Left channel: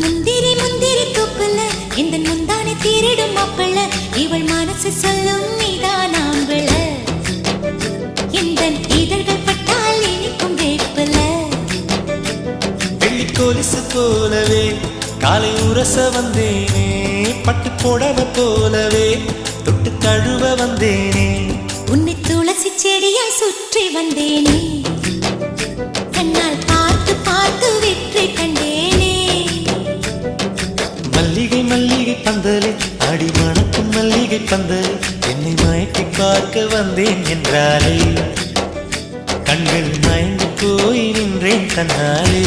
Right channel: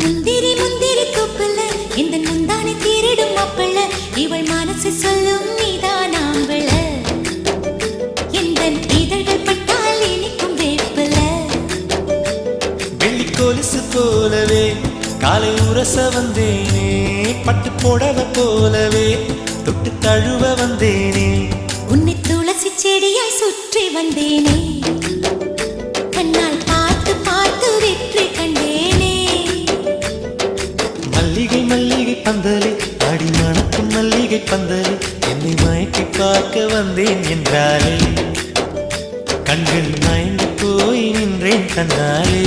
முந்திரி முந்திரி தூப்புல இந்த முந்தானை தீரிடும் மாப்பிள்ள இவள் மனசு சொல்லும் நீதான் ஆம்பிள இந்த இதழ்கள் பட்டால் இனிக்கும் வேப்பில வெள்ளி கொலுசு போலவே காலை உரச வந்தேனே பட்டு புடவ போலவே தொட்டு தழுவ வந்தேனே உன்னை துளசி செடியாய் சுற்றி வந்தேனே கண்ணால் பார்த்து பார்த்து வெற்றி கண்டேனே மல்லிகை மல்லிகை பந்தலே அடி மணக்கும் மல்லிகை பந்தலே என்னை மயக்கி பார்க்க வந்தேன் என்றாலே கண்கள் மயங்கி போய் நின்றேன் தன்னாலே